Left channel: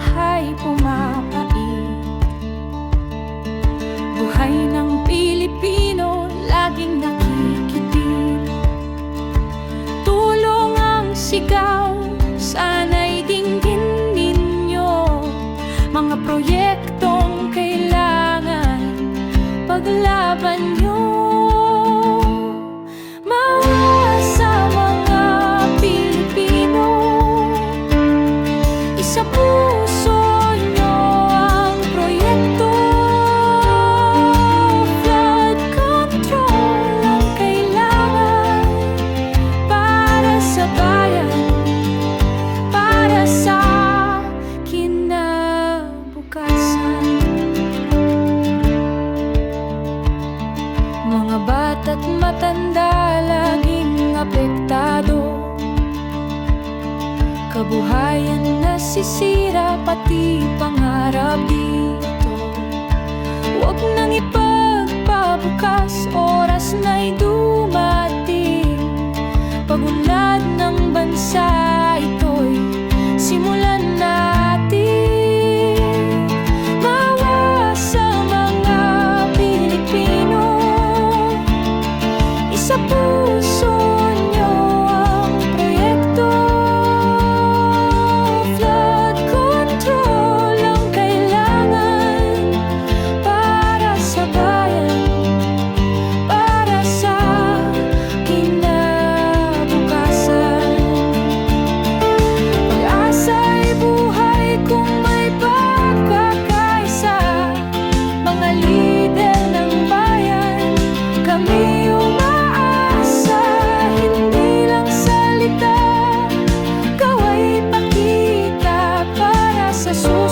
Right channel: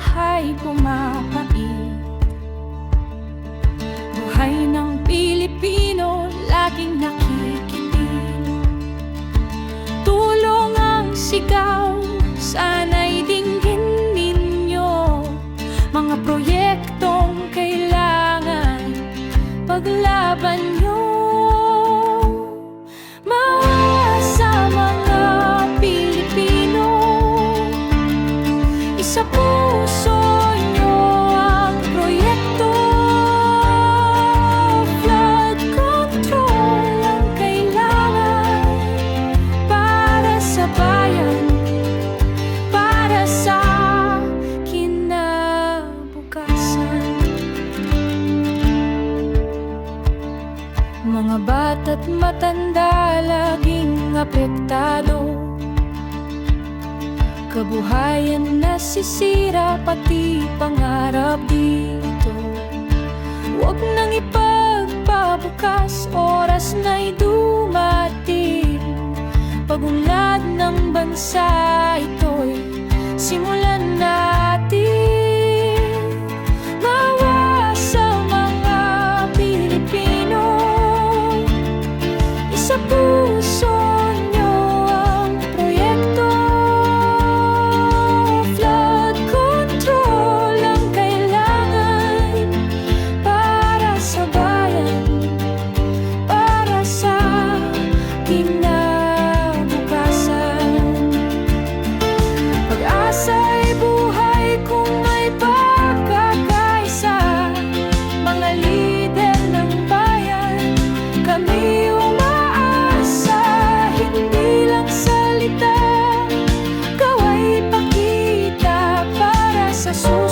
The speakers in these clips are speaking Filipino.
bahay pumapait. Buhay ng Pilipino laging nakikitil Tulong ang sigaw, sana'y dinggin ninyo. Mga proyektong kailangan paglaban Isa puso nyo ang proyekto. Flood control ang kailangan Para sa bayan Para sa kinabukasan. Mga bata't matanda laging apektado Kabuhayan nasisira pati pangarap dito. Huwag nang ipagpabukas, oras na'y dumating. Pagunlad ng bansa ito'y simulan natin. Mawa sa mga Pilipino. Isa puso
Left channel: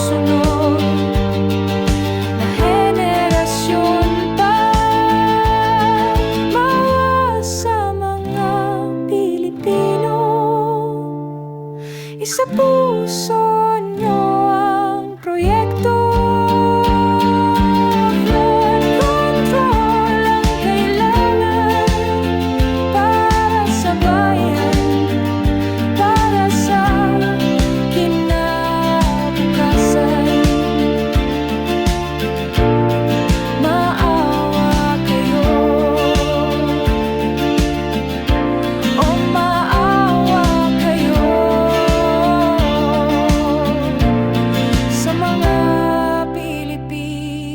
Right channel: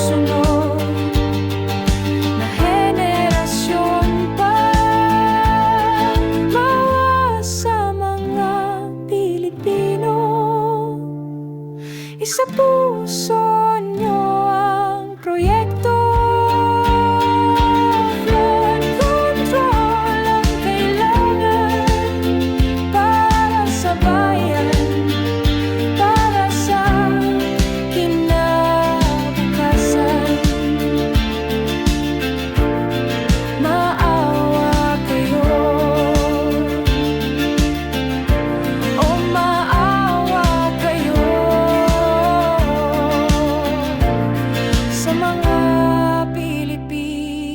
susunod Na henerasyon pa. Mawa sa mga Pilipino. Isa puso Pilipinas.